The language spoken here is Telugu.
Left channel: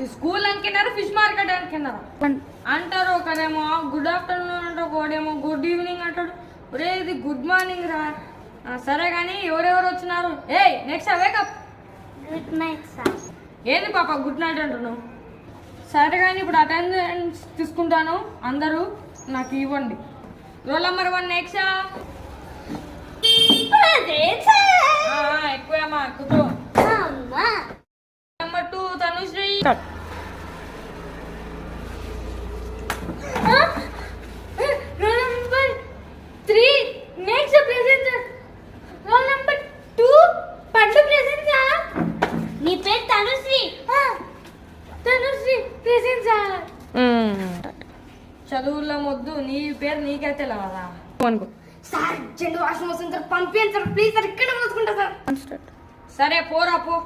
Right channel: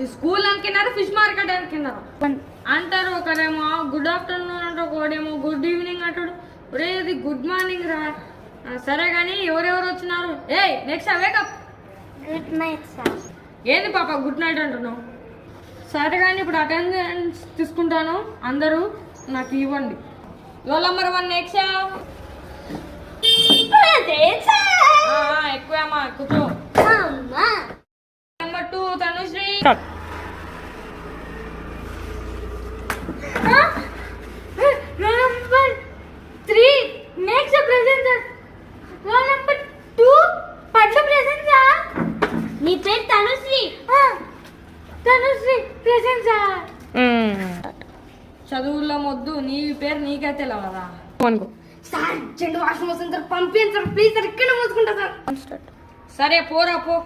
ఈ స్కూల్ అనుకున్నారు, ఫిష్ మార్కెట్ అనుకున్నారు అంటారు. ఒకరేమో గుడ్ ఆఫ్టర్నూన్ అంటారు, ఒకడేమో గుడ్ ఈవినింగ్ అంటాడు. ఒరే ఇది గుడ్ మార్నింగ్ రా. సరే కానీ ఎవరెవరు వచ్చినారు? ఏయ్ next wake up. Good night sir. ఏంది పాప గుడ్ నైట్ అంటున్నావు? సరే కానీ ఇప్పుడు అటెండెన్స్ తీసుకుంటాను, అందరూ నాకు ఇవ్వండి. Roll number 1 next. ఎక్కువమ్మా కూర్చో. Number 2 Tanushree. Roll number 3 next present sir. Roll number 2 పండు ప్రెజెంట్ సార్. నీ పేరు తనుశ్రీ. Tanushree present sir. చదువుల్లో మొద్దు, నీ పేరు నీకే తెలియదా? అనుకో సార్ చెండు వాష్ మోషన్ సార్, పంపించండి సార్ ప్లీజ్ సార్, ఇక్కడ మూసుకుంటా సార్. సరే పోరా పో.